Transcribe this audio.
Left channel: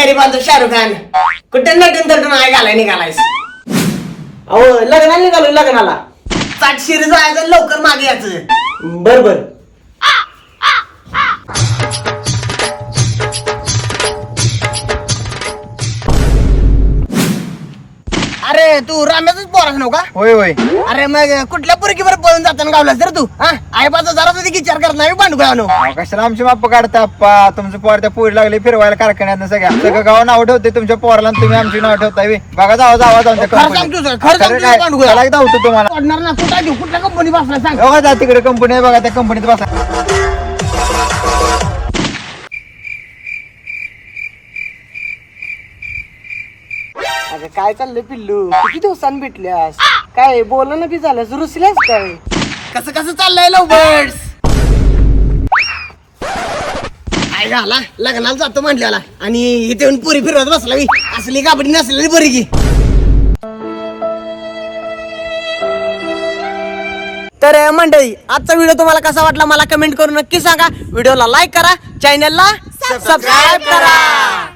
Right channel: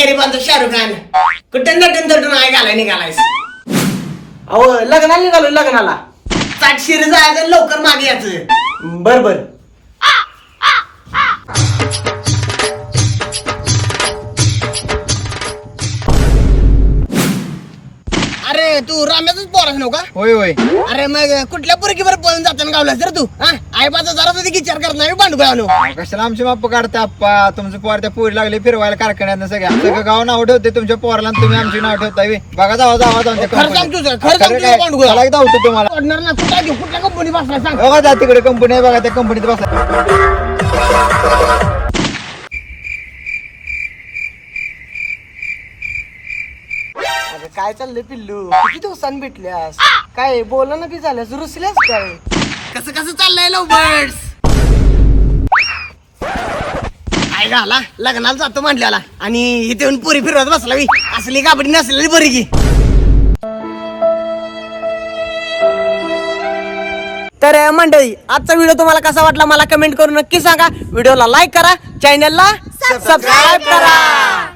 गरीबांचा शाहरुख खान कुठे नटून तटून आहे घालाय निघालायस. अहो लग्नाला निघालो लग्नाला. 60 शिर जायचं लवकर मागे यायचं. बर बर. अरे तू राम्याच पोरास नव्ह का? होय होय. अरे मग कुठल्या पोरगी बरं पळून जाताना गावला तर तू आई बाचा जरा तुझी विचार करत नाही बांधू गावनो. कशाला आमची माप काढता आप्पा? तुमचं पोर त्या पोरी लागले फिरवायला कारखान्यात सगळ्या गाव नाव ठेवते तुमच्या पोराला आणि तुम्ही आमची नाव ठेवताय. बघा जावा जावा जाऊन धावतो तुम्हाला. पडणार ना कुठला घेऊ कुठल्या कंपनी बसला सांग. बघा जा तिकडे कंपनी आहे बघा त्या कंपनीत बसा. अरे काय चाललंय पिल्लू? किती दिवसांनी भेटल्यास? काय बोलणं बी झाल्यास रुसल्यास काय? कसं कसं चाललंय लवबर्ड्स? काय झाला लग्नाला जातो म्हटल्याला आणि इथे येऊन पुरी फिरवत बसला मी. असली कापडी नसलेली बरी की. तर मंडळी आजचा व्हिडिओ तुम्हाला कसा वाटला मला कमेंट करून नक्की सांगा. व्हिडिओला लाईक करा, चॅनलला सबस्क्राईब करा.